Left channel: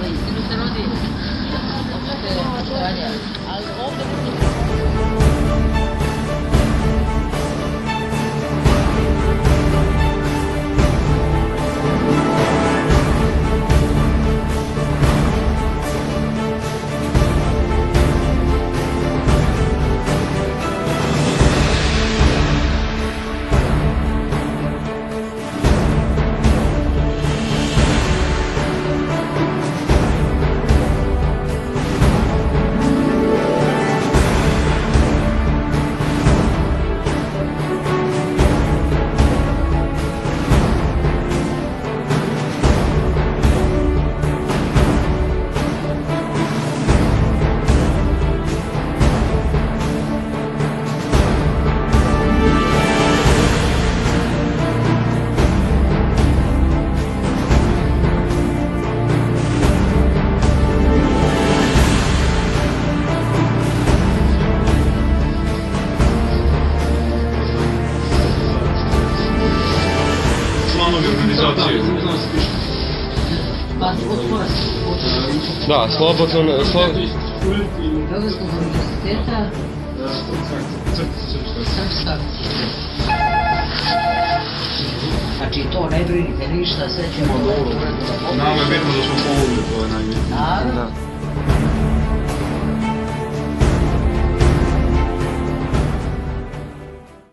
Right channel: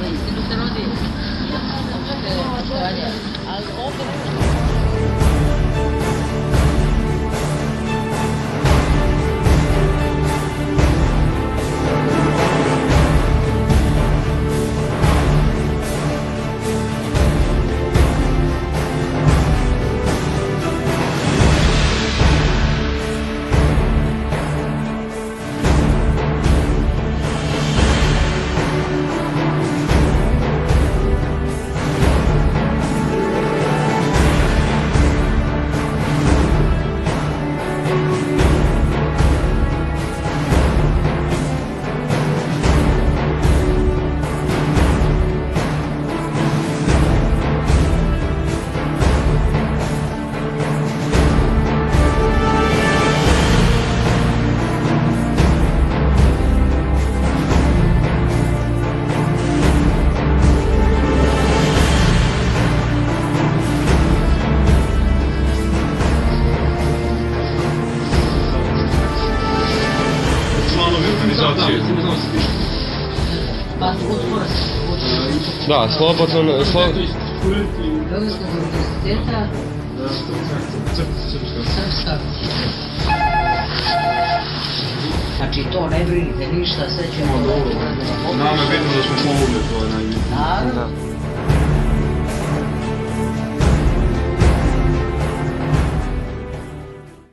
za istinu se rodi. Ali ovdje ne možete... Članovi organizacije. Da, slobodno... Beogradskog univerziteta Srpska. Znači to ne brinite ništa, sve ćemo dobro. Nama je bitno da smo pomogli, to je najbitnije. Naravno.